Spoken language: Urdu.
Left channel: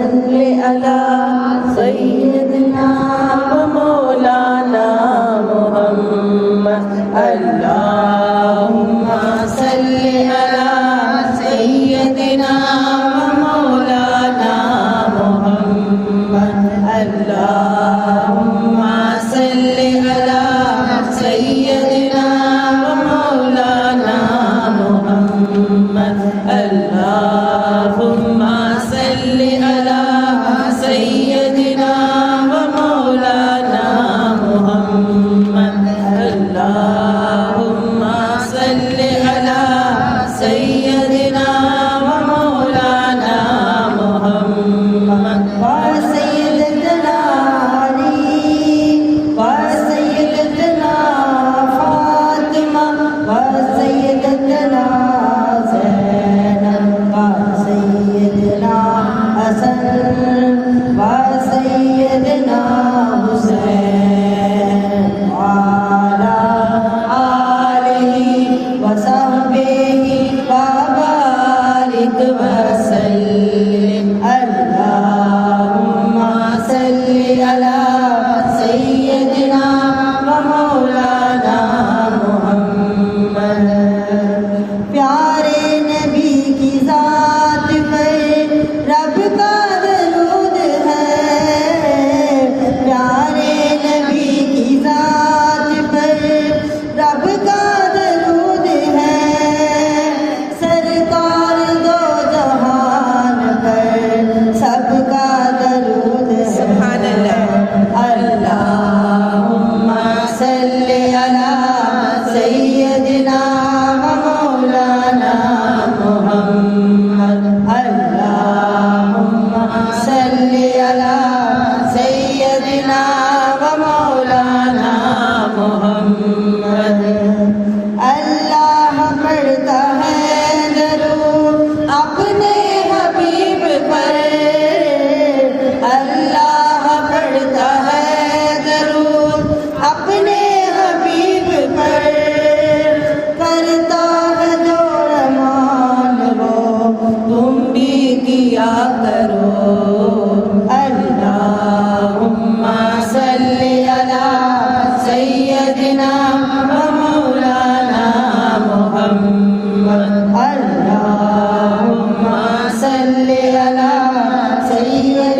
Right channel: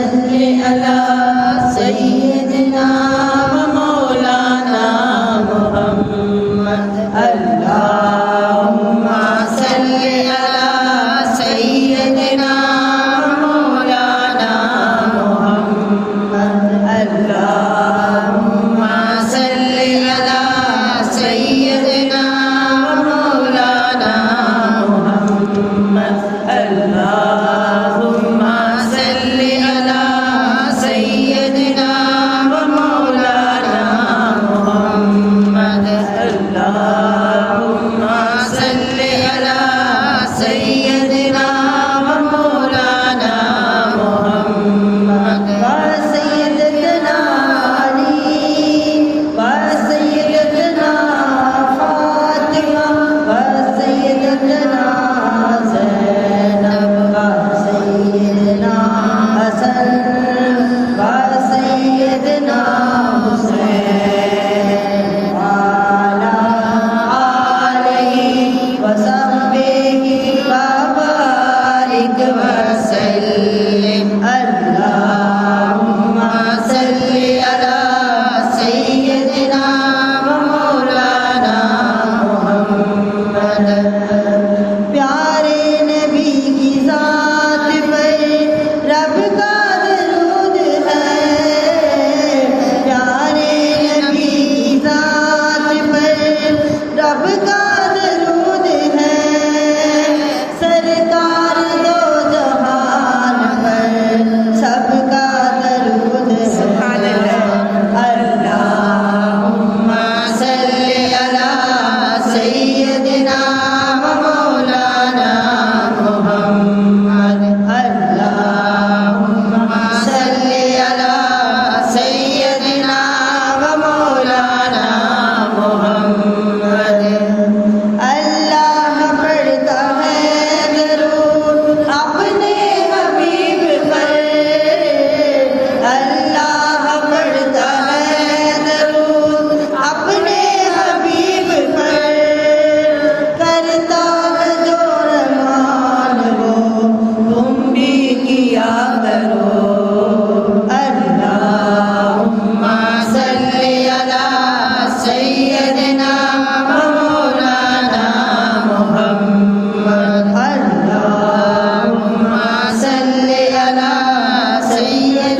صل على سيدنا ومولانا محمد اللهم صل على سيدنا ومولانا محمد اللهم صل على سيدنا ومولانا محمد اللهم صل على سيدنا ومولانا محمد اللهم صل على سيدنا ومولانا محمد وسيدنا علي وسيدنا فاطمة وسيدنا زينب وسيدنا حسن وسيدنا حسين وعلى آله وصحبه وبارك وسلم اللهم صل على سيدنا ومولانا محمد پیارے نبی کی ذات پر رب کا درود ہے پیارے نبی کی ذات پر رب کا درود ہے سرکار دو جہان پر سب کا درود ہے اللہم صل علی سیدنا ومولانا محمد اللہم صل علی سیدنا ومولانا محمد اللہ پڑھتا ہے درود اپنے حبیب پر اللہ پڑھتا ہے درود اپنے حبیب پر کرتا ہے جو رحمان وہ تم بھی کیا کرو اللہم صل علی سیدنا ومولانا محمد اللہم صل علی سیدنا